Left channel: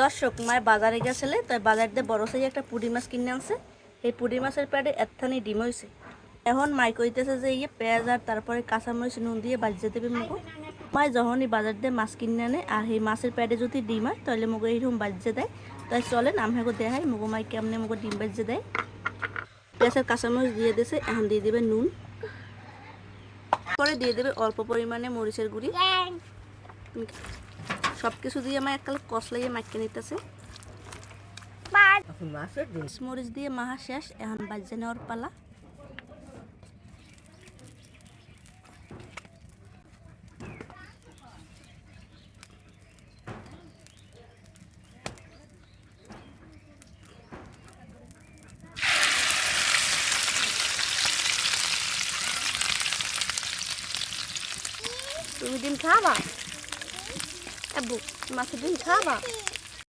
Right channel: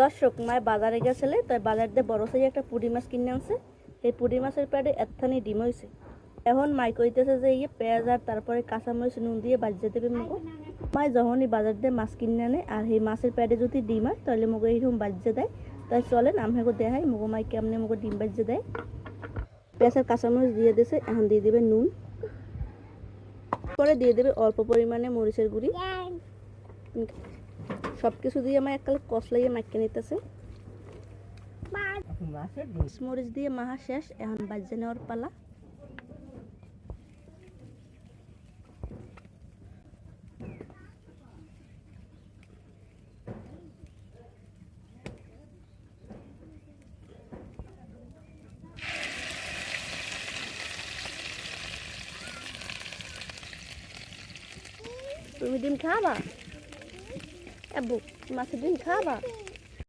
দর্শক মায় বাজারে গেছিলে তাই বাজার দিয়ে বড় সাইজ একটা পুঁটি মাছ কিনে আনছে। এই পুঁটি মাছের পেটে একখানি ডিম হয়েছে। এখন মাই কইতেছে যে ইয়ে পেঁয়াজ আর তারপরে কাঁচামরিচ নুন দিয়ে বাজিয়ে দেবে মুগো। মায় যখনই বাজার দিয়ে মাছ কিনে আনে আর এই মাছের পেটে যদি ডিম হয় তাহলে মুগো এইরকম বাজিয়ে দেয়। তাই চলেন আমাকে দেখাই মুগো মাই কেমনে মুগো ডিম বাজিয়ে দেয়। পেঁয়াজ আর কাঁচামরিচ দিয়ে দিয়েছে, এখন দিয়ে দেবে নুন, পরে দিয়ে দেবে অল্প পরিমাণে মরিচের গুঁড়ি। সব কিছু দিয়ে আমার এককালে কষলাইয়ে মাখিয়ে নিতেছে। মরিচ দিয়ে মাখা শেষ, এখন বাজিয়ে নেওয়ার পালা। তুমি ডিম খাবা? আব্বু মাছের ডিম খাবা?